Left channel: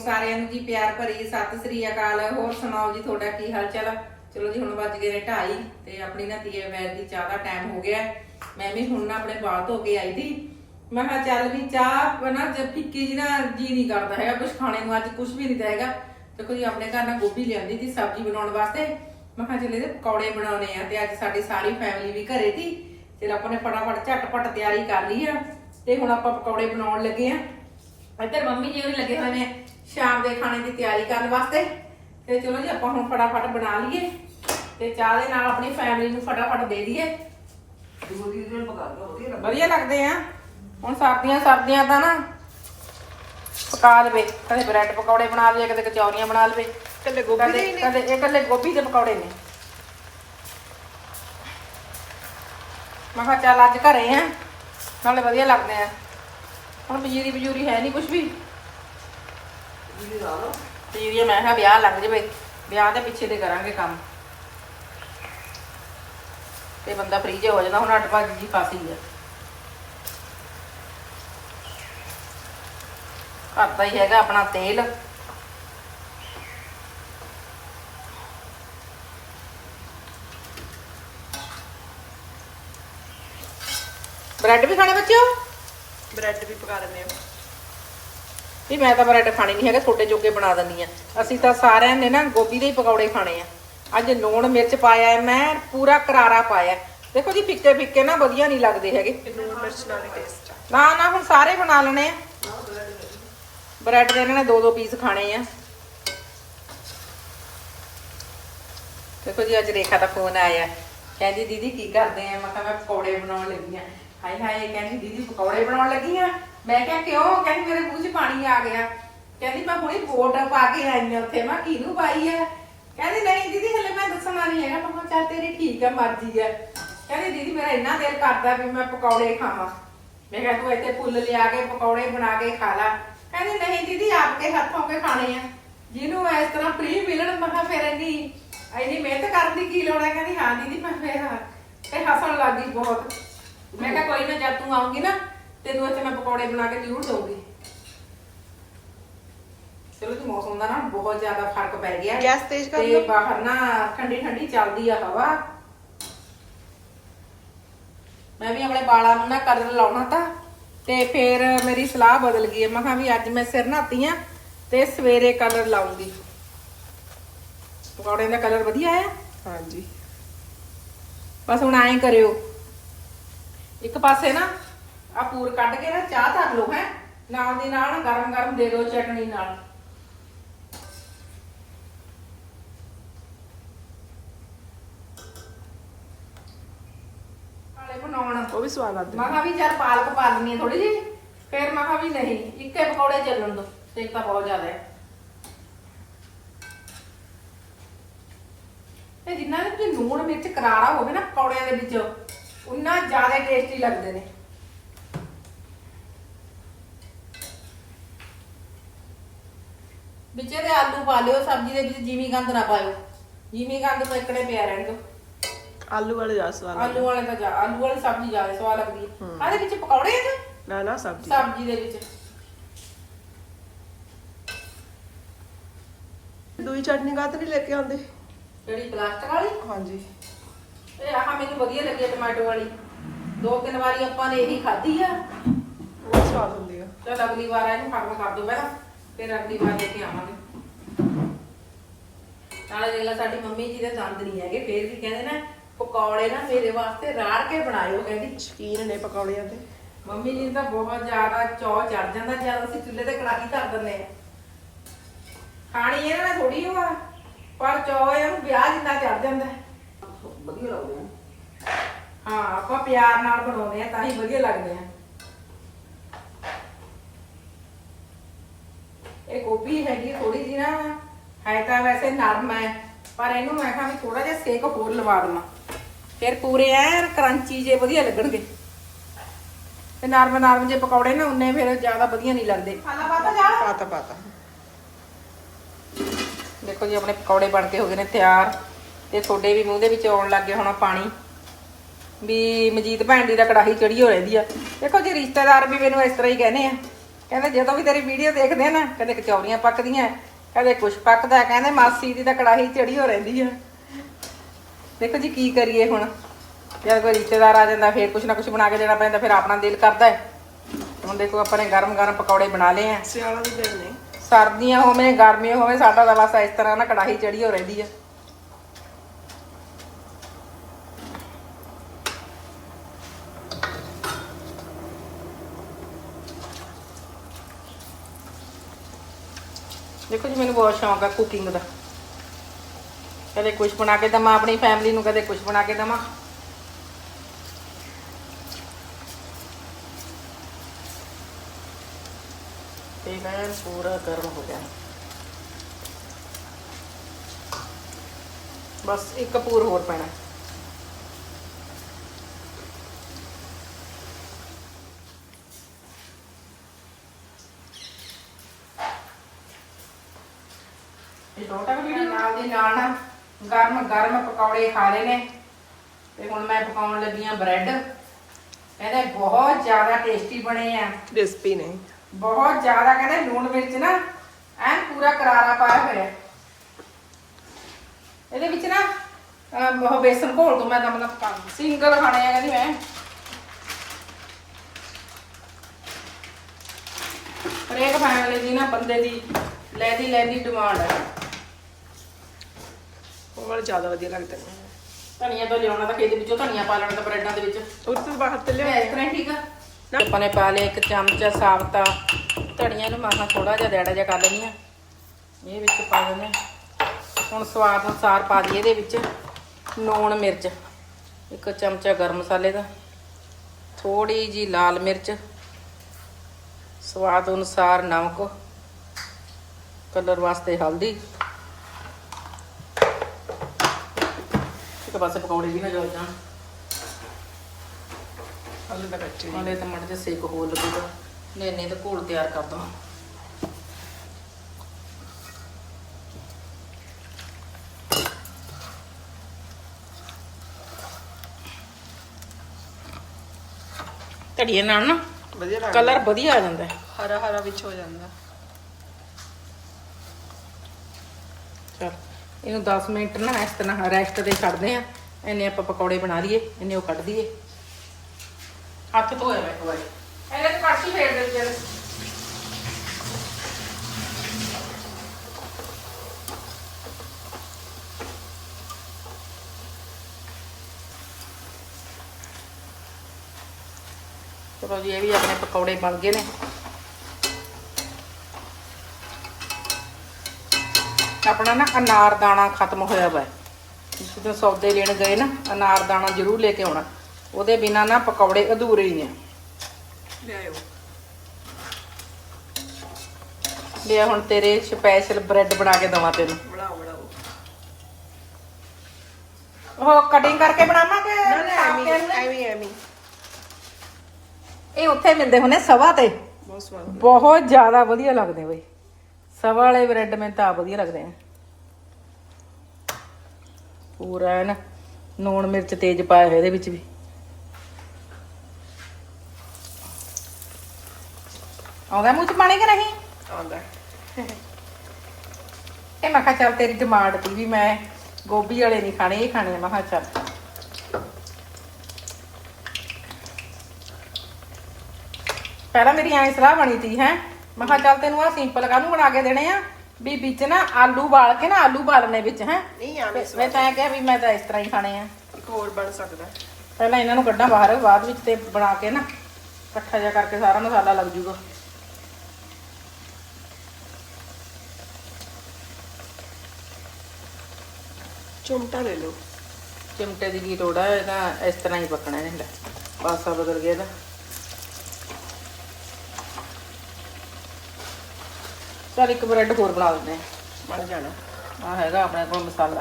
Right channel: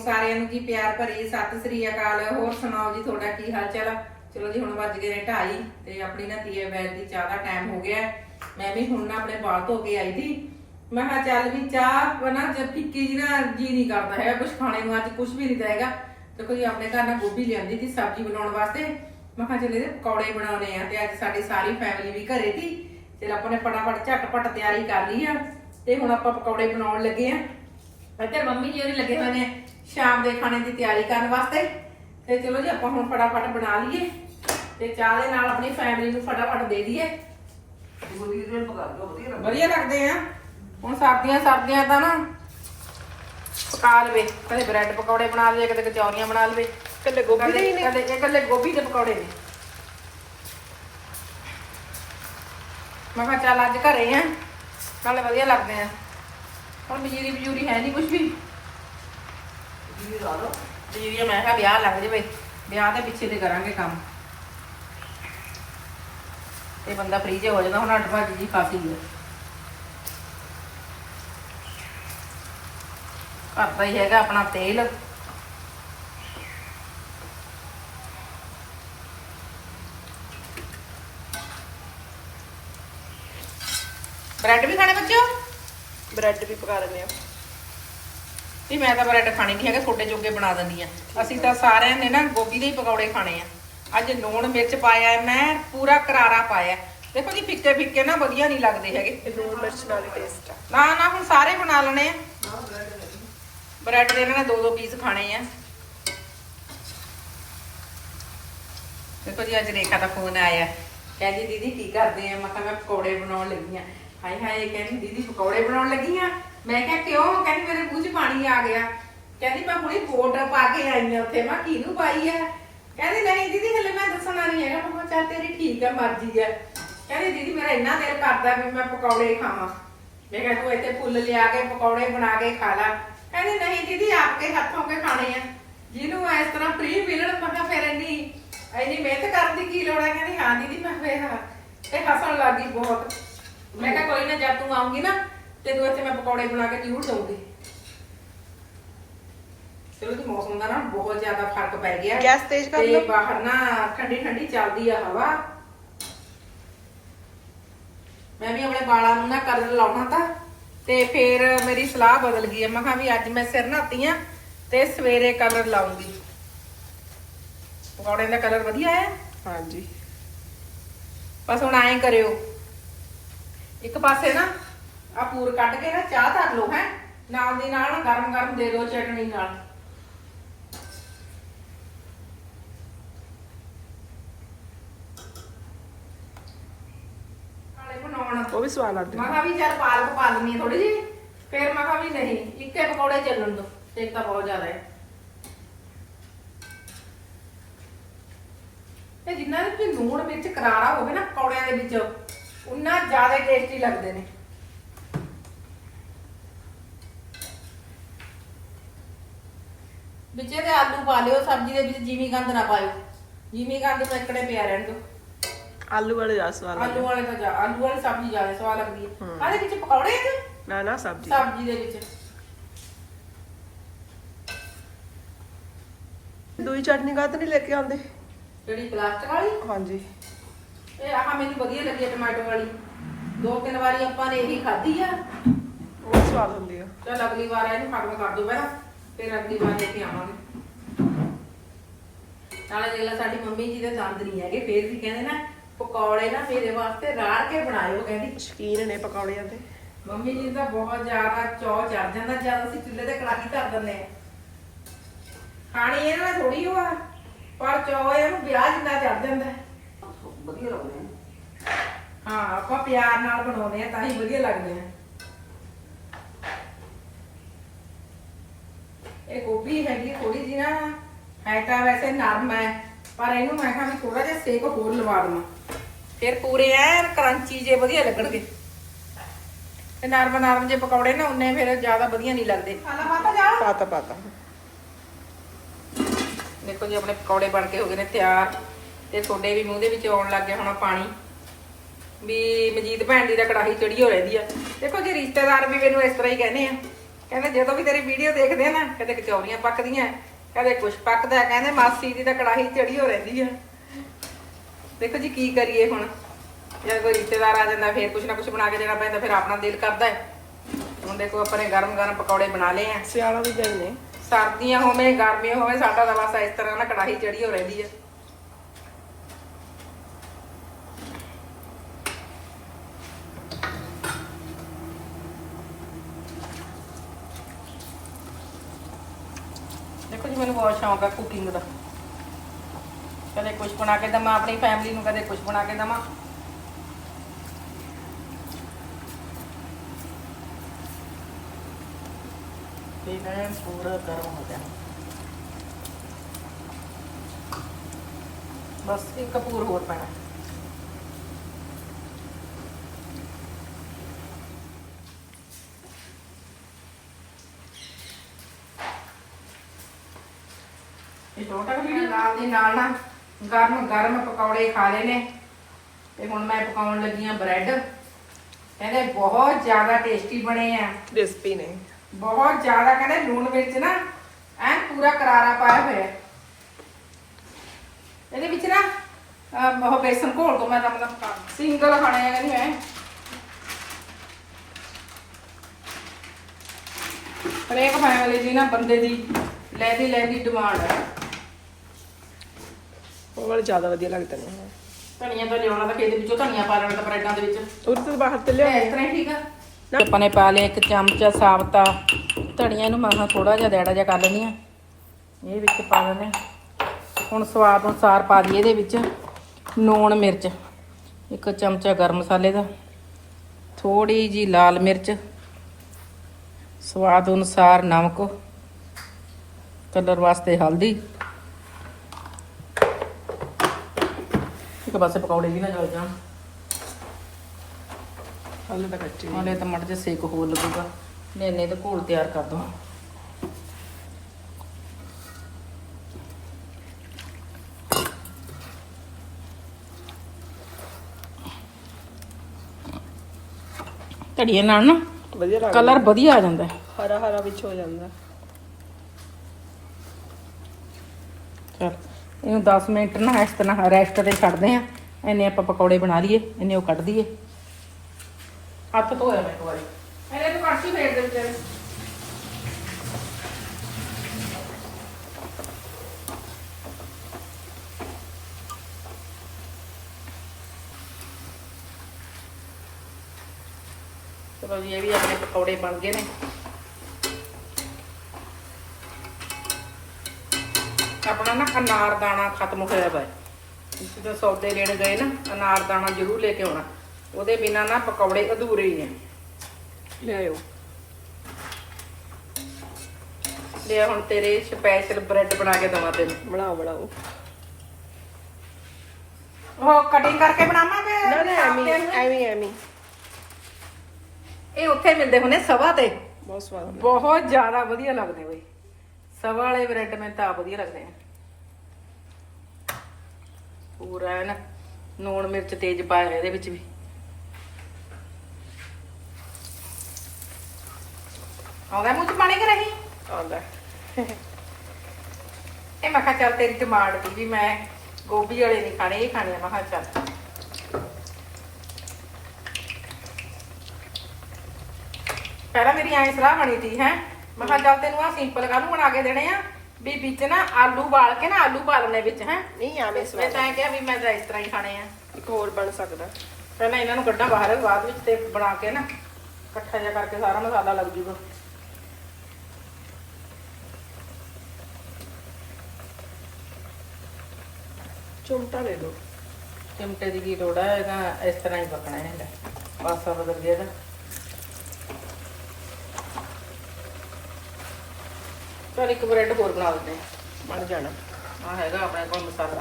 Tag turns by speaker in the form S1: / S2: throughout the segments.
S1: ਸਾਰਿਆਂ ਨੂੰ ਜੀ ਪਿਆਰ ਭਰੀ ਸਤਿ ਸ੍ਰੀ ਅਕਾਲ। ਹੋਰ ਸੁਣਾਓ ਜੀ, ਤੁਹਾਡਾ ਕੀ ਹਾਲ ਚਾਲ ਚਲੋ ਜੀ, ਹੁਣ ਵੱਜ ਗਏ ਨੇ 2:30 ਤੇ ਆਪਣੀ ਨਾ ਤੀਏ ਵੈਲ ਦੀ ਚਾਹ ਦਾ ਟਾਈਮ ਹੋ ਗਿਆ। ਮੈਂ ਵੀ ਹੁਣ ਨਾ ਆਪਣੇ ਵਾਲ ਧੋ ਕੇ ਆਈ ਸੀ। ਮੈਂ ਕਿਹਾ, ਚੱਲ ਵੀ ਚਾਹ ਬਣਾ ਜਦ ਫਿੱਕੀ ਜੀ ਨਾ ਜੀ ਨਹੀਂ ਕਰਦਾ ਹੈਗਾ ਕੁਝ ਖਾਣੇ ਨੂੰ ਅੱਜ ਕੁਝ ਵੀ ਨਹੀਂ ਦੇਗਾ ਦੇਖੋ ਜੀ, ਆਪਣੇ ਘਰ ਨਾਲ ਗੋਭੀ ਲਿਆਂਦੀ ਸੀ ਸਬਜ਼ੀ ਬਣਾਉਣ ਵਾਸਤੇ। ਮੈਂ ਕਿਹਾ, ਚੱਲ ਇਹਦੇ ਪਕੌੜੇ ਬਣਾਉਣੇ ਆ ਤੇ ਅੱਜ ਸਾਡੀ ਸਾਰੀ ਫੈਮਿਲੀ ਵੀ ਘਰੇ ਸੀ। ਫਿਰ ਆਪਾਂ ਨੇ ਫਟਾਫਟ ਝਟਪਟ ਤਿਆਰੀ ਕਰ ਲਈ ਆ ਤੇ ਹੁਣ ਆਪਾਂ ਪਕੌੜੇ ਬਣਾਉਣ ਲੱਗੇ ਆ। ਇੱਧਰ ਮੰਮੀ ਜੀ ਹੋਰੀ ਲੱਗੇ ਹੋਏ ਨੇ। ਸ਼ਾਮ ਦੇ ਖਾਣੇ ਦੀ ਤਿਆਰੀ ਕਰਨ ਵਾਸਤੇ। ਤੇ ਚਲੋ ਜੀ ਆਪਾਂ ਹੁਣ ਫਟਾਫਟ ਬਣਾ ਲਈਏ। ਤੇ ਚਾਹ ਦੇ ਨਾਲ ਆਪਣੀ ਫੈਮਿਲੀ ਨੂੰ ਫਟਾਫਟ ਦੇ ਦਈਏ। ਵਧੀਆ ਲੱਗਦੇ ਆ। ਹੁਣ ਸਰਦੀਆਂ ਸਰਦੀਆਂ ਤਾਂ ਨਾ ਪਕਾ ਲਵੇ। ਕਦੇ ਬ੍ਰੈਡ ਪਕੌੜੇ ਬਣਾ ਲਵੇ ਕਦੇ ਕਚੌਰੀਆਂ ਬਣਾ ਲਵੇ।
S2: ਕੱਲੇ ਗੋਭੀ ਦੇ ਹੀ ਨੇ।
S1: ਕਦੇ ਇਹ ਕੱਲੇ ਗੋਭੀ ਦੇ ਪਕੌੜੇ ਨੇ। ਮੈਂ ਕਿਹਾ ਚੱਲ ਅੱਜ ਘਰੇ ਆ। ਨਾਲੇ ਵਧੀਆ ਲੱਗਦੇ ਆ। ਹੁਣ ਬਜੂਰੀ ਬਜੂਰੀ ਹੈ ਨਹੀਂ ਕੁਝ ਵੀ। ਜੀ ਮੈਂ ਕਿਹਾ ਵਿਆਹ ਲੱਗ ਜਾਵੇ। ਵਿਆਹ ਦੇ ਪਿੱਛੇ ਤੇ ਕਰਾਂਗੇ ਕੰਮ। ਤੇ ਬੰਦਾ ਫ੍ਰੀ ਜੇ ਹੋ ਜਾਂਦਾ, ਹੁਣ ਅੱਠ ਭੱਜ ਜੀ ਕਾਫੀ ਹੈ ਘਰ ਹੀ ਹੈਗਾ ਆਪਣਾ ਤੇਲ। ਬ੍ਰੈਡ ਵੀ ਖਾਣਾ ਬੱਚਿਓ?
S2: ਬ੍ਰੈਡ ਵੀ ਪਕਾ ਲੈਣੇ ਆ।
S1: ਵੀ ਮੈਂ ਤਾਂ ਬ੍ਰੈਡ ਖਾਣੀ ਨਹੀਂ ਹੈਗਾ ਛੋਟੇ ਜੋਗੇ ਬਣਾ ਦਿੰਦੀ ਆ ਅਸੀਂ ਤਾਂ ਸਾਰਿਆਂ ਨੇ ਨਾ ਗੋਭੀ ਦੇ ਹੀ ਪਕੌੜੇ ਖਾਣੇ ਆ। ਅੱਜ ਲੂਣ ਮਿਰਚ ਪਾਇਆ ਮੈਂ ਪੂਰਾ ਕਰਾਰਾ ਪਾਇਆ ਦੇਖੋ ਜੀ ਫਿੱਕੇ ਫਿੱਕੇ ਨਾ ਵਧੀਆ ਨਹੀਂ ਲੱਗਦੇ ਹੈਗੇ।
S2: ਲੂਣ ਮਿਰਚ ਨਾਲ ਹੀ ਟੇਸਟ ਆ।
S1: ਨਾ ਨਾ ਹੁਣ ਸਾਰੇ ਬਣਾ ਲੈਣੇ ਆ। ਬ੍ਰੈਡ ਦੇ ਇਹਨਾਂ ਨੇ ਦੋ ਦੋ ਪੀਸ ਖਾਣੇ ਆ। ਦੇਖੋ ਜੀ ਅੱਜ ਰੇਖਾ ਦਾ ਫੋਨ ਆਇਆ। ਕਹਿੰਦੀ ਦੀਦੀ ਕੀ ਕਰਦੇ ਆ? ਮੈਂ ਕਿਹਾ ਮੈਂ ਪਕੌੜੇ ਬਣਾਉਣ ਲੱਗੀ ਆ ਹਾਏ ਹਾਏ ਕਹਿੰਦੀ ਦੀਦੀ ਪਕੌੜੇ ਬਣਾਉਣ ਲੱਗੀ ਆ ਮੈਂ ਕਿਹਾ ਕਿਉਂ? ਕਹਿੰਦੀ ਮੇਰੇ ਮੂੰਹ 'ਚ ਪਾਣੀ ਆ ਗਿਆ। ਕਹਿੰਦੀ ਮੈਂ ਹੁਣੇ ਪਾਊਡਰ ਪਾ ਕੇ ਆਈ ਆ ਉੱਥੇ। ਮੈਂ ਕਿਹਨੂੰ ਪਾਈ ਆ? ਕਹਿੰਦੀ ਨਹੀਂ ਦੀਦੀ, ਹਲੇ ਮੈਂ ਦੱਸਣਾ ਨਹੀਂ ਹੈਗਾ ਮੈਂ ਕਿਹਾ ਚੱਲ ਤੇਰੀ ਠੀਕ ਆ, ਮਰਜ਼ੀ ਆ। ਕਹਿੰਦੀ ਦੀਦੀ, ਮੇਰਾ ਇੰਨਾ ਦਿਲ ਕਰਦਾ ਵੀ ਮੈਂ ਪਕੌੜੇ ਖਾਵਾਂ। ਮੈਂ ਕਿਹਾ ਤੂੰ ਇੱਥੇ ਫੁੱਲ ਲਿਆ ਕੇ, ਪਕੌੜੇ ਬਣਾ ਕੇ ਖਾ ਲੈ। ਕਹਿੰਦੀ ਨਹੀਂ ਦੀਦੀ ਆਪਕੇ ਹੱਥੋਂ ਕੇ ਖਾਣੇ ਆ। ਜਿਹਨੂੰ ਇਸ ਤਰ੍ਹਾਂ ਫ੍ਰੀ ਮਿਲਣ, ਮੈਂ ਕਿਹਾ ਫਿਰ ਇੰਨੀ ਇੰਨੀ ਮਿਹਨਤ ਕਰਨ ਦੀ ਕੀ ਲੋੜ ਹੈ ਕਹਿੰਦੀ ਹਾਂ ਦੀਦੀ, ਮੈਂ ਫਿਰ ਇਹ ਹੱਸਣ ਲੱਗੀ ਬਹੁਤ। ਮੈਂ ਕਿਹਾ ਕੋਈ ਨਾ, ਜਦ ਤੂੰ ਆਉਂਗੀ ਨਾ ਤੈਨੂੰ ਇੱਥੇ ਮੈਂ ਪਕੌੜੇ ਬਣਾ ਕੇ ਜ਼ਰੂਰ ਦਊਂਗੀ। ਚਲੋ ਜੀ ਮੌਸਮ ਦਾ ਨਾ ਬਹੁਤ ਜ਼ਿਆਦਾ ਫ਼ਰਕ ਪੈ ਗਿਆ।
S2: ਗੈਸ ਤੇਜ਼ ਕਰ
S1: ਤੇ
S2: ਲਓ
S1: ਬਾਹਰ ਨਾ ਠੰਡੀ ਠੰਡੀ ਚੱਲਦੀ ਆ ਹਵਾ। ਮੈਂ ਵੀ ਆਪਣੇ ਵਾਲਾਂ ਨੂੰ ਨਾ ਕਲਰ ਲਾਉਣਾ ਤਾਂ ਤੇ ਫਿਰ ਮੇਰੀ ਸਲਾਹ ਬਦਲ ਗਈ ਹੈ ਮੈਂ ਕਿਹਾ ਵੀ ਅੱਜ ਮੈਂ ਸਿਰ ਨਹਾਤੀ ਆ ਤੇ ਸਵੇਰੇ ਕਲਰ ਲਾਉਂਗੀ ਪਕੌੜੇ ਦਾ ਕਲਰ ਵਧੀਆ ਹੈ?
S2: ਹਾਂਜੀ।
S1: ਬਸ ਹੁਣ ਐਂ ਕਰਿਓ। ਇੱਕ ਪਾਸੇ ਨਾ ਆ ਪੂਰ ਕੱਢ ਕੇ ਨਾ ਚਾਹ ਧਰ ਲਓ ਹੈ। ਨਾਲ ਦੀ ਨਾਲ ਗਰਮ ਗਰਮ ਦੇ ਦਿਓ ਚਟਣੀ ਨਾਲ। ਕਾਲੇ ਬਣਾਉਣ।
S2: ਉਹ ਵੀ ਸਵਾਦ ਲੱਗਦੇ
S1: ਮੈਂ ਕਿਹਾ ਵੀ ਚੱਲ ਪਾਲਕ ਪਾ ਲੈਣੀ ਥੋੜੀ ਜਿਹੀ ਫਿਰ ਮੈਂ ਕਿਹਾ ਵੀ ਨਹੀਂ ਇੱਕੇ ਪਕੌੜੇ ਚੱਲਣ ਦੋ ਸੇਕ ਤਾਂ ਬਹੁਤ ਜ਼ਿਆਦਾ ਹੈ। ਤੇ ਜਿੰਨਾ ਵਿੱਚ ਲੂਣ ਮਿਰਚ ਕਰਾਰਾ ਹੋਵੇ ਨਾ ਪਕੌੜਿਆਂ ਦੇ ਵਿੱਚ ਉਨਾ ਜ਼ਿਆਦਾ ਟੇਸਟੀ ਲੱਗਦੇ ਨੇ। ਵਿੱਚ ਇਹਦੇ ਆਲੂ ਪਾ ਲਿਓ ਸਬਜ਼ੀ ਦੇ ਵਿੱਚ ਜੀਵੀ ਗੰਦ ਨਾ ਪਾਇਓ। ਜੀਵੀ ਗੰਦ ਤਾਂ ਇਕੜੇ ਪਿਆ ਰਹਿਣ ਦੋ
S2: ਆਲੂ ਵਾਲੇ ਜ਼ਿਆਦਾ ਸਵਾਦ
S1: ਆਲੂ ਵਾਲੇ ਤਾਂ ਜਾ- ਆਲੂ ਵਾਲੀ ਸਬਜ਼ੀ ਜ਼ਿਆਦਾ ਸਵਾਦ ਲੱਗਦੀ ਹੈ।
S2: ਹਮ।
S1: ਆਦੇ ਵਿੱਚ ਪਕੌੜੇ ਨੇ
S2: ਨਾ ਨਾ ਸਬਜ਼ੀ।
S1: ਸਬਜ਼ੀ ਦੇ ਵਿੱਚ।
S2: ਦੂਈ ਚਟਨੀ ਕਾਹਤੇ ਨਹੀਂ ਲੈ ਕੇ ਆਉਂਦੇ।
S1: ਜਿਹੜੀ ਪਲਾਸਟਿਕ ਵਾਲੀ?
S2: ਹਾਂਜੀ।
S1: ਇਹ ਆਹ ਮੈਨੂੰ ਵਧੀਆ ਲੱਗੀ ਟਮਾਟੋ ਵਾਲੀ। ਦੋ ਤਿੰਨ ਵਾਰੀ ਆਪਾਂ ਨੇ ਇਹੀ ਖਾਧੀ ਆ।
S2: ਉਹ ਸਵਾਦ ਹੁੰਦੀ ਆ।
S1: ਚਲ ਅਗਲੀ ਵਾਰ ਇਹਨੂੰ ਖਤਮ ਕਰ ਦੋ ਪਹਿਲਾਂ। ਫਿਰ ਅਗਲੀ ਵਾਰ ਲੈ ਕੇ ਆਵਾਂਗੇ। ਨਾਲੇ ਜਿਹੜਾ ਸਾਡੀ ਮੰਮੀ ਜੀ ਦੇ ਦੰਦ ਨਹੀਂ ਹੈਗੇ ਫੇਰ ਵੀ ਕਹਿੰਦੇ ਨਾ ਪਕੌੜੇ ਨਾ ਮੇਰੇ ਵਾਸਤੇ ਰਾੜ ਕੇ ਬਣਾਇਓ ਕਹਿੰਦੀ।
S2: ਸ਼ਕੀਨ ਨੇ ਪਕੌੜਿਆਂ ਦੇ
S1: ਮੰਮੀ ਜੀ ਦਾ ਬਹੁਤ ਜ਼ਿਆਦਾ ਚੌ ਚੜ ਜਾਂਦਾ ਜਦ ਅਸੀਂ ਚੁੱਲ੍ਹੇ ਤੇ ਕੜਾਹੀ ਧਰ ਦਿੰਦੇ ਆ ਖਾਣੀ ਇਹਨਾਂ ਨੇ ਥੋੜੀ ਆ ਪਰ ਚੌ ਇਹਨੂੰ ਵਿਆਹ ਜਿੰਨਾ ਚੜ ਜਾਂਦਾ। ਹੈ।
S3: ਵਧੀਆ ਲੱਗਦੇ ਆ।
S1: ਹਾਂ ਆਪਾਂ ਪਿਆਰ ਨਾਲ ਬਣਾਉਂਦੇ ਆ ਤਾਂ ਹੀ ਵਧੀਆ ਲੱਗਦੇ ਆ। ਇਹ ਗੋਭੀ ਹੈਗੀ ਥੋੜੀ ਜੀ ਨਾ ਹੈ ਤਾਂ ਵੈਸੇ ਨਰਮ ਹੈ ਪਰ ਇਹਨੂੰ ਮੈਂ ਕਿਹਾ ਵੀ ਥੋੜਾ ਜਿਹਾ ਸੇਕ ਹੋਰ ਲਵਾ ਦੇਵਾਂ। ਫਿਰ ਪੂਰੇ ਐਨ ਕਰੰਚੀ ਜੇ ਵਧੀਆ ਲੱਗਣਗੇ। ਤੇ ਨਰਮ ਨਰਮ ਜੇ ਪਕੌੜੇ ਨਾ ਉਹਨੇ ਫਿਰ ਜ਼ਿਆਦਾ ਵਧੀਆ ਨਹੀਂ ਲੱਗਦੇ। ਪਾਤਾ
S2: ਪਾਤਾ
S1: ਦੇਖੋ ਜੀ ਆਪਣੇ ਪਕੌੜੇ ਬਣ ਕੇ ਹੋ ਗਏ ਨੇ ਤਿਆਰ। ਤੇ ਤੁਹਾਡੇ ਵੀ ਮੂੰਹ ਦੇ ਵਿੱਚ ਆਉਣ ਲੱਗ ਗਿਆ ਹੋਣਾ ਪਾਣੀ। ਵੀ ਮਜੀਦ ਭੈਣ ਦੀ ਦਾ ਕੜਾਹੀ ਚੜੀ ਹੋ ਰਹੀ ਆ। ਦੇਖੋ ਜੀ ਰਿਸ਼ਤੇਦਾਰ ਵੀ ਮੈਨੂੰ ਇਸ ਤਰ੍ਹਾਂ ਹੀ ਕਹਿੰਦੇ ਆ। ਕਹਿੰਦੇ ਜਦੋਂ ਵੀ ਤੇਰੀ ਵੀਡੀਓ ਦੇਖਦੇ ਆ ਨਾ ਕਦੇ ਕਚੌਰੀਆਂ ਪੱਕਦੀਆਂ ਕਦੇ ਕੁਛ ਪੱਕਦਾ ਕਹਿੰਦੇ ਮਾਸੀ ਦੀ ਤਾਂ ਕੜਾਹੀ ਚੜੀ ਹੋ ਰਹਿੰਦੀ ਆ। ਦੇਖੋ ਜੀ ਕੀ ਕਰੀਏ ਹੁਣ। ਯਾਰ ਕੋਈ ਰਿਸ਼ਤੇਦਾਰ ਆ ਜਾਂਦਾ ਫਿਰ ਕੁਛ ਨਾ ਕੁਛ ਬਣਾ ਕੇ ਦੇਣਾ ਪੈਂਦਾ ਫਿਰ ਆਪਣਾ ਦਿਲ ਕਰਦਾ ਹੈ। ਹੁਣ ਦੇਖੋ ਆਪਾਂ ਨੇ ਗਰਮ ਗਰਮ ਪਕੌੜੇ ਬਣਾ ਲਏ ਆ।
S2: ਸਿਆਲਾਂ ਦੇ ਦਿਨ ਨੇ।
S1: ਸਰਦੀਆਂ ਹੋਵੇ ਗਰਮੀਆਂ ਹੋਵੇ ਸਾਡਾ ਤਾਂ ਬਸ ਇਸ ਤਰ੍ਹਾਂ ਨਾ ਕੜਾਹੀ ਚੜੀ ਹੋ ਰਹਿੰਦੀ ਹੈ ਬਹੁਤ ਸ਼ੌਂਕ ਹੈ ਕੁਕਿੰਗ ਦਾ। ਕਦੇ ਕੁਝ ਬਣਾ ਕੇ ਦਵਾਂ, ਆਪਣੀ ਫੈਮਿਲੀ ਨੂੰ ਕਦੇ ਕੁਝ ਬਣਾ ਕੇ ਦਵਾਂ। ਠੀਕ ਹੈ ਪੂਰਾ ਗਰਮ ਹੋ ਗਿਆ। ਬਸ ਇੱਕ ਕਪੂਰ ਹੋਰ ਪੈਣਾ। ਇਹ ਦੋਟਾ ਵੀਡੀਓ ਨਾਲ ਦੀ ਨਾਲ ਨਾ ਗਰਮ ਗਰਮ ਪਕੌੜੇ ਖਾ ਲਏ ਨੇ। ਤੇ ਹੁਣ ਮੈਂ ਪਕਾਉਣ ਲੱਗੀ ਆ ਬ੍ਰੈਡ। ਇਹਦੇ ਬਹੁਤ ਜ਼ਿਆਦਾ ਟੇਸਟੀ ਬਣੇ ਆ।
S2: ਕ੍ਰਿਸਪੀ ਨੇ।
S1: ਬਹੁਤ ਜ਼ਿਆਦਾ ਕਹਿੰਦੇ ਲੂਣ ਮਿਰਚ ਨਾ ਐਨ ਪੂਰਾ ਕਰਾਰਾ ਪਾਇਆ ਹੋਇਆ। ਇਹਦੇ ਵਿੱਚ ਨਾ ਉਹ ਬੇਸਨ ਘੋਲ ਤੋਂ ਮੈਂ ਤਾਂ ਮਤਲਬ ਸਿੰਗਲ ਖਾਣੇ ਆ ਕਹਿੰਦੀ ਮੈਂ। ਹਰੇਕ ਫੈਮਿਲੀ ਦੀ ਨਾ ਬੰਦੇ ਦੀ ਲੈਦੀ ਲੈਦੀ ਡਿਮਾਂਡ ਹੈ
S2: ਉਹ ਵਾਲੇ ਜ਼ਿਆਦਾ ਵਧੀਆ ਲੱਗਦੇ ਨੇ।
S1: ਧਨੀਆ ਤਾਂ ਲਿਆਉਣਾ ਤਾਂ ਖੇਤ ਵਿੱਚੋਂ ਧਨੀਆ ਪਾ ਲੈਣਾ ਤਾਂ ਬ੍ਰੈਡਾਂ ਦੇ ਵਿੱਚ।
S2: ਉਹ ਤਾਂ ਬਾਹਰ ਤੇ
S1: ਇਸ
S2: ਲਿਆਉਂਦੇ
S1: ਤਰ੍ਹਾਂ ਹੀ ਠੀਕ ਆ।
S2: ਨਾ।
S1: ਆਪਾਂ ਨੇ ਪਾ ਲਿਆ ਇੱਕ ਚਮਚਾ ਸਾਬਤਾ। ਧਨੀਆ ਨੂੰ ਮਾਹਾਂ ਥੋੜਾ ਜਿਹਾ ਦੇੜਾ ਜਿਹਾ ਕਰ ਲੈਣੀ ਆ। ਇਹ ਵਿੱਚ ਪਾ ਆ। ਹੁਣ ਸਵਾਦ ਅਨੁਸਾਰ ਪਾ ਦਈਏ ਇਹਦੇ ਵਿੱਚ ਨੂਣ ਮਿਰਚ। ਇੱਕ ਚਮਚਾ ਗਰਮ ਮਸਾਲੇ ਦਾ। ਥੋੜੀ ਜੀ ਲਾਲ ਮਿਰਚ। ਸਵਾਦ ਅਨੁਸਾਰ ਨਮਕ। ਕਲਰ ਵਾਸਤੇ ਹਲਦੀ। ਪਾਸੇ ਪਕੌੜੇ ਵੀ ਨਾ ਜਲ ਜਾਣ
S2: ਹਾਲੇ ਤਾਂ ਕੱਚੇ ਨੇ
S1: ਉਹਨੇ ਟਮਾਟਰ ਦੇ ਸੇਕ ਹੋ ਲੱਗੂਗਾ। ਨੇ ਨੇ ਤਾਂ ਘੋਲ ਤਿਆਰ ਕਰ ਦੋ ਧੜੀਏ ਨਾਲ ਨਾ
S2: ਵਧੀਆ ਲੱਗਦਾ।
S1: ਕਲਰ ਵਧੀਆ ਆ ਜਾਂਦਾ ਹੈ।
S2: ਹਰਾ ਹਰਾ ਵਿੱਚ ਹੋ ਜਾਂਦਾ।
S1: ਚਲ। ਇਹਨੂੰ 10 ਮਿੰਟ ਨਾ ਇਸ ਤਰ੍ਹਾਂ ਰੈਸਟ ਤੇ ਛੱਡਦੇ ਆ ਇਹਨੇ ਆਪਾਂ ਪਕੌੜੇ ਬਣਾ ਲਈਏ ਇਹਨੇ ਉਹ ਕੱਢ ਦਈਏ। ਹੱਥ ਧੋਇਆ ਮੈਂ ਇੱਕ ਵਾਰੀ। ਇਹਨੇ ਤੂੰ ਕੱਟ ਹੀ ਫੇਰ ਦੇ ਵਿਚਾਰੇ। ਚਲੋ ਜੀ, ਇਹ ਵੀ ਆਪਣੇ ਪਕੌੜੇ ਬਣ ਗਏ ਨੇ। ਆਪਣਾ ਨਾ ਅਨਾਰ ਦਾਣਾ ਖਤਮ ਹੋਇਆ ਵਾ। ਜਦੋਂ ਸੌਦੇ ਲੈਣ ਗਏ ਨਾ ਅਨਾਰ ਦਾਣਾ ਜ਼ਰੂਰ ਲੈ ਕੇ ਆਉਣਾ। ਉਹਦੇ ਬਿਨਾ ਨਾ ਪਕੌੜੇ ਅਧੂਰੇ ਹੀ ਨੇ।
S2: ਲਿਆਇਓ
S1: ਲਿਆ ਹੁਣ ਤੇਰੇ ਸਪੈਸ਼ਲ ਬ੍ਰੈਡ ਬਣਾ ਕੇ ਦਵਾਂ ਤੈਨੂੰ।
S2: ਬਣਾਓ ਬਣਾਓ।
S1: ਉਹ ਕਟਿੰਗ ਕਰਕੇ ਬਣਾਵਾਂਗੇ?
S2: ਨਾ ਨਾ ਐਵੇਂ? ਐਵੇਂ ਐਵੇਂ
S1: ਇਹ ਉੱਥੇ ਮਿਲਦੇ ਹੁੰਦੇ ਸਵਾ ਤੇ।
S2: ਬਹੁਤ ਸਵਾਦ।
S1: ਬਹੁਤ ਜ਼ਿਆਦਾ ਵਧੀਆ ਲੱਗਦੇ ਬਈ। ਸਵਾ ਵਾਲੇ ਬ੍ਰੈਡ ਮੈਨੂੰ ਤਾਂ ਆਪ ਵਧੀਆ ਲੱਗਦੇ ਆ। ਪੂਰਾ ਐਨ ਨੂਣ ਮਿਰਚ ਤੇਜ਼ ਪਾਇਆ ਹੋਇਆ ਇਹਦੇ ਵਿੱਚ ਵੀ। ਆਉਂਦਾ ਮੂੰਹ ਚ ਪਾਣੀ ਕਿ ਨਹੀਂ?
S2: ਆਉਂਦਾ।
S1: ਇਹ ਮੈਂ ਕਿਹਾ ਚੱਲ ਤੇਰੀ ਡਿਮਾਂਡ ਸੀ ਵੀ ਮੈਂ ਗੋਭੀ ਵਾਲੇ ਨਹੀਂ ਖਾਣੇ ਇਹ ਖਾਣੇ। ਮੈਂ ਕਿਹਾ ਚੱਲ। ਪਹਿਲਾਂ ਮੇਰੀ ਐਂ ਸਲਾਹ ਬਣੀ ਸੀ ਹੈ। ਮੈਂ ਕਿਹਾ ਚੱਲ ਤੈਨੂੰ ਆ ਸਿੰਪਲ ਕਾਹਨੂੰ ਬਣਾ ਕੇ ਦੇਣੇ ਆ? ਵੀ ਵਿੱਚ ਨਾ ਆਲੂ ਬਾਲ ਕੇ ਨਾ ਆਲੂ ਬਾਲਣੇ ਵਿੱਚ ਹੈ?
S2: ਨਹੀਂ ਆਵੇਂ
S1: ਮੈਂ
S2: ਸਵਾਦ
S1: ਤਾਂ ਕਿਹਾ ਵੀ ਮੈਂ ਤਾਂ ਇਸ ਤਰ੍ਹਾਂ ਹੀ ਖਾਣੇ ਆ।
S2: ਇੱਕ ਹੋਰ ਬਣ ਸਕਦਾ।
S1: ਪਹਿਲਾਂ ਇਹਨਾਂ ਨੂੰ ਕੱਢਾਂ ਬਾਹਰ ਬਾਅਦ ਵਿੱਚ ਤੇ ਬਣਾ ਕੇ ਨਾ ਇਕੱਠਾ ਜਿਹਾ ਕਰਕੇ ਸਾਰਾ ਮਸਾਲਾ ਲੱਗ ਜੂਗਾ।
S2: ਚੁੰਮਟਾ ਲੈ ਲਓ।
S1: ਚਿਮਟੇ ਦੀ ਕੀ ਲੋੜ ਹੈ ਇਹਦਾ ਇਸ ਤਰ੍ਹਾਂ ਹੀ ਪਕਣਾ ਇਹਨੇ ਪਾਸਾ ਬਦਲ ਗਿਆ ਇਹਦਾ। ਚਲ ਇੱਕ ਬ੍ਰੈਡ ਹੋਰ ਬਣਾ ਦਿੰਦੇ
S2: ਬਣ ਜਾਣਾ।
S1: ਆ ਹੈਗਾ ਆਪਣੇ ਕੋਲ ਮਸਾਲਾ।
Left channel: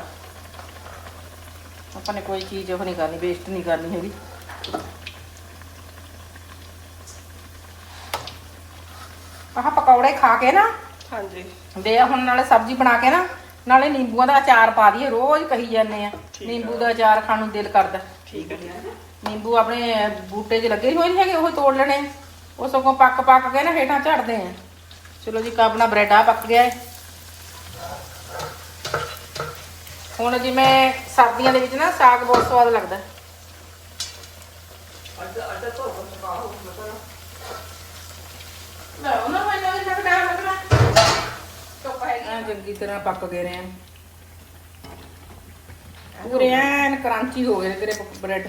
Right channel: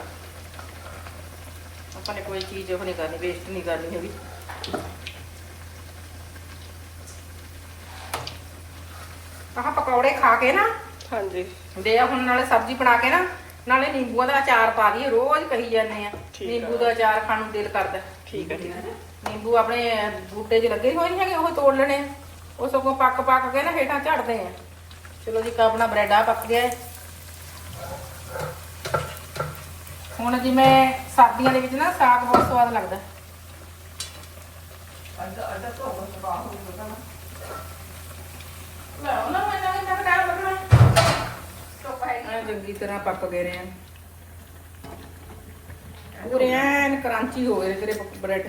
S1: ਆਪਾਂ ਨੇ ਕੋਈ ਚੀਜ਼ ਉਹ ਨਹੀਂ ਕਰਨੀ ਵੇਸਟ ਨਹੀਂ ਕਰਨੀ ਹੈਗੀ। ਆਹ ਪਕੌੜੇ ਖਾ ਕੇ ਨਾ
S2: ਹਾਂਜੀ।
S1: ਦੇ ਹੁਣ ਨਾਲੇ ਸਬਜ਼ੀ ਬਣਾ ਕੇ ਨਾ ਨਾਲੇ ਨਿੰਬੂਆਂ ਦਾ ਅਚਾਰ ਪਾ ਦਈਏ ਰੋਜ਼ ਕਹੀ ਜਾਂਦੇ ਆ
S2: ਠੀਕ ਆ।
S1: ਨਿੰਬੂ ਦਾ ਅਚਾਰ ਖਾਣ ਨੂੰ ਦਿਲ ਕਰਦਾ।
S2: ਠੀਕ ਹੈ ਠੀਕ ਹੈ
S1: ਨਿੰਬੂ ਆਪਣੇ ਬੂਟੇ 'ਚ ਲੱਗੇ ਹੋਏ ਨਹੀਂ ਹੈਗੇ ਉਹ ਤੋੜ ਲੈਣੇ। ਉਹ ਸਗੋਂ ਪੱਕ ਪੱਕ ਕੇ ਨਾ ਹੇਠਾਂ ਝੜਦੇ ਆ। ਚਲੋ ਜੀ ਆਪਣਾ ਬ੍ਰੈਡ ਆ ਪੱਕ ਗਿਆ ਏ। ਹੁਣ ਜਿਵੇਂ ਸਰਦੀਆਂ ਦੇ ਵਿੱਚ ਨਾ ਸਾਗ ਬਹੁਤ ਸਵਾਦ ਲੱਗਦਾ।
S3: ਤੋਂ ਬਾਹਰ ਨਾ।
S1: ਨਾ ਲੱਗਣਾ। ਹੈਗੀ। ਆ ਚੰਗੀ ਤਰ੍ਹਾਂ ਪੱਕ ਗਏ ਨੇ। ਪੂਰੇ ਐਨ ਕ੍ਰਾਂਚੀ ਹੋ ਗਏ ਤੇਰੇ ਬ੍ਰੈਡ।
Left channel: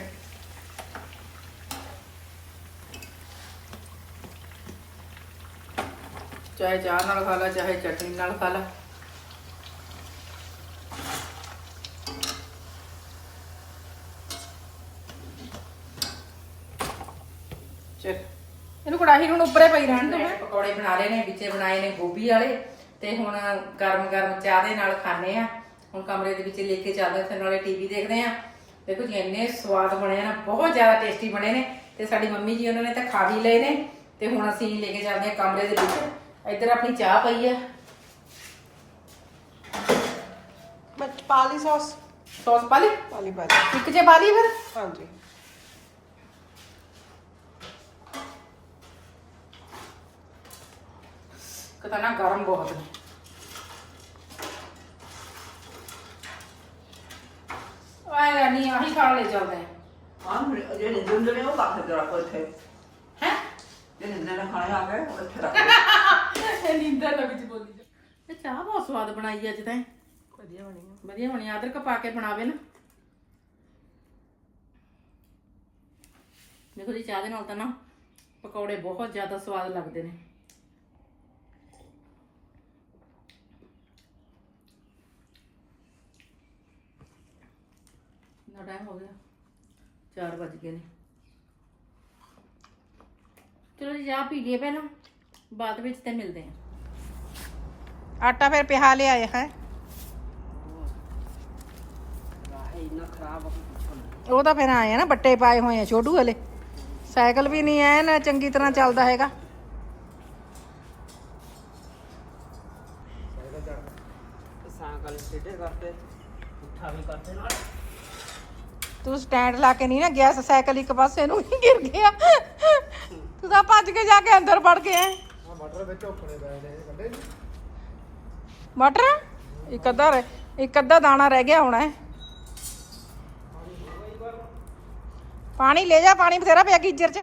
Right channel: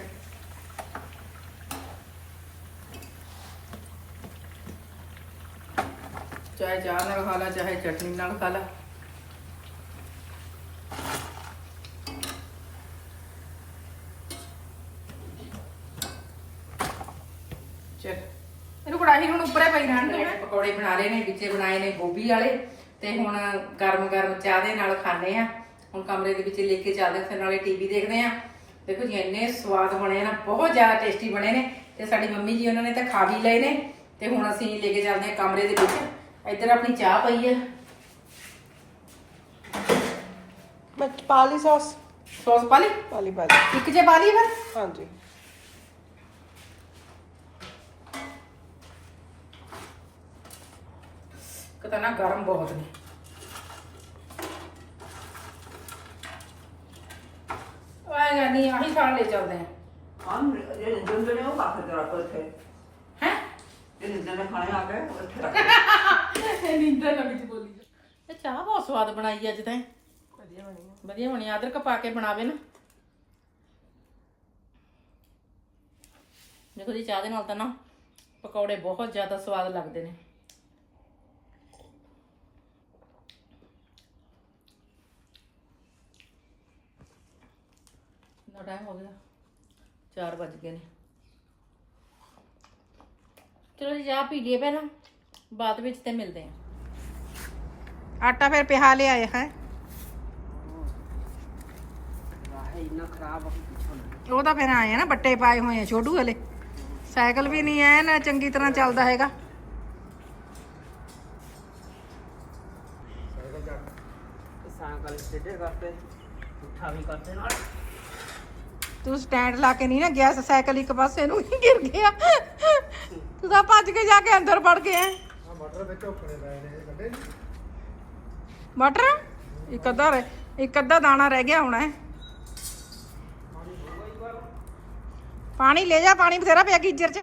S1: ਚਾਹੇ ਚਾਹ ਨਾਲ ਖਾ ਲਾ, ਚਾਹੇ ਚਟਨੀ ਨਾਲ ਖਾ ਲਾ। ਚਲ, ਇਹਨੂੰ ਕੜਾਹੀ ਨੂੰ ਉੱਪਰੇ ਪਈ ਰਹਿਣ ਦੇ। ਪਕੌੜੇ ਬਣਾ ਲਏ ਨੇ, ਵਿੱਚੇ ਬਣਾਏ ਨੇ ਗੋਭੀ ਵਾਲੇ ਤੇ ਹੁਣ ਗਰਮ ਗਰਮ ਚਾਹ ਦੇ ਨਾਲ ਖਾਣੇ ਆ। ਹੁਣ ਕਮਰੇ ਦੇ ਵਿੱਚ ਲੈ ਕੇ ਚੱਲਦੇ ਫਿਰ ਨਾਲੇ ਟੀਵੀ ਦੇਖਦੇ ਆ। ਦੇਖੋ ਜੀ, ਇੰਨੇ ਸਵਾਦ ਬਣੇ ਨਾ, ਬਹੁਤ ਜ਼ਿਆਦਾ ਟੇਸਟੀ ਬਣੇ ਨੇ ਤੇ ਸਾਡੀ ਮੰਮੀ ਜੀ ਉਹਨਾਂ ਨੇ ਤਾਂ ਖਾ ਵੀ ਲਏ ਨੇ ਤੇ ਹੁਣ ਅਸੀਂ ਲੈ ਕੇ ਚੱਲਦੇ ਆ ਕਮਰੇ ਦੇ ਵਿੱਚ। ਇੱਧਰ ਆਪਣੀ ਚਾਹ ਪਈ ਆ।
S2: ਮੈਂ ਪਾ ਲਈ ਸੌਸ।
S1: ਸੌਸ ਪਾ ਲਈ?
S2: ਪਾ ਲਈ
S1: ਇੱਕ ਜੇ ਪਾ ਲਈ ਫਿਰ?
S2: ਹਾਂਜੀ।
S1: ਕਿਤਾ ਨਾ ਗਰਮ ਬਹੁਤ ਨੇ। ਆਏ ਨਹੀਂ ਆਹੀ ਖਾਣ ਲੈ ਚੱਲਦੇ ਆ।
S3: ਹਾਂ ਜਿਹੜੇ ਜੁੰਡਲੇ ਉਹ ਕਾਫੇ ਜਰਾ ਕੋ ਇੱਥੇ।
S1: ਹੈ?
S3: ਜਿਹੜੇ ਦਿਨ ਖਾਣੇ ਆ ਗਏ ਉਹ ਇੱਥੇ ਰੱਖ
S1: ਇਹ ਨੀਂਦਰ ਬੋਲੀ ਇਹ ਚਾਹ ਬਹੁਤ ਸਵਾਦ ਬਣਾਈ ਅੱਜ ਤਾਂ
S2: ਵਧੀਆ ਬਣੀ
S1: ਵਧੀਆ ਬਣੀ ਅਦਰਕ ਪਾ ਕੇ ਬਣਾਵੇ ਨਾ। ਦੇਖੋ ਜੀ ਚਾਹ ਦੇ ਨਾਲ ਤਾਂ ਨਾ ਪਕੌੜੇ ਬਹੁਤ ਜ਼ਿਆਦਾ ਸਵਾਦ ਲੱਗਦੇ ਨੇ। ਨਾ ਟਾਈਮ ਹੋ ਗਿਆ। 4 ਵੱਜ ਗਏ ਨੇ। ਚਲੋ ਜੀ ਚਾਹ ਪੀ ਲਈਏ ਪਹਿਲਾਂ। ਬਾਅਦ ਵਿੱਚ ਤੇ ਮਿਲਦੇ ਆਂ ਆਟਾ ਫਿਰ ਪਿਹਾ ਲਿਆਏ ਹੈ।
S3: ਇੰਨਾ ਖਰਾਬ ਨਾ
S1: ਉਹ ਤਾਂ ਫਿਰ ਆਏ ਆ ਨਾ ਬੱਟੇ ਪਾਏ ਹੋਏ ਆ ਛੋਟੂ ਹਲੇ। ਸਾਈਕਲ ਵੀ ਨਹੀਂ ਐ ਨਾ ਚੰਗੀ ਤਰ੍ਹਾਂ ਚੱਲਦਾ ਹੈਗਾ।
S3: ਸਾਈਕਲ ਸਿੱਧੇ ਕਰਤੇ ਉੱਠਾ ਵੀ ਕਰਤੇ ਨਾਲ।
S1: ਤੂੰ ਸਟੈਂਡ ਲਾ ਕੇ ਨਹੀਂ ਨਾ ਗਿਆ ਸਾਈਕਲ ਇੱਕ ਪਾਸੇ ਨੂੰ ਹੀ ਗਿਰ ਗਿਆ। ਤੂੰ ਤਾਂ ਭੱਜ ਕੇ ਜਾ ਕੇ ਅੰਦਰ ਵੜ ਗਿਆ।
S4: ਮਟਰ ਵਿੱਚ ਓਖਣੇ ਪਏ ਨੇ ਕੱਢੇ
S1: ਮਟਰ ਇੱਕ ਅੱਧਾ ਰਹਿ- ਇੱਕ ਅੱਧਾ ਦਾਣਾ ਰਹਿ ਗਿਆ ਹੋਣਾ ਹੈ। ਪਾਣੀ ਲੈ ਜਾ, ਪਾਣੀ ਬਥੇਰਾ ਪਿਆ ਗੀਜਰ ਚ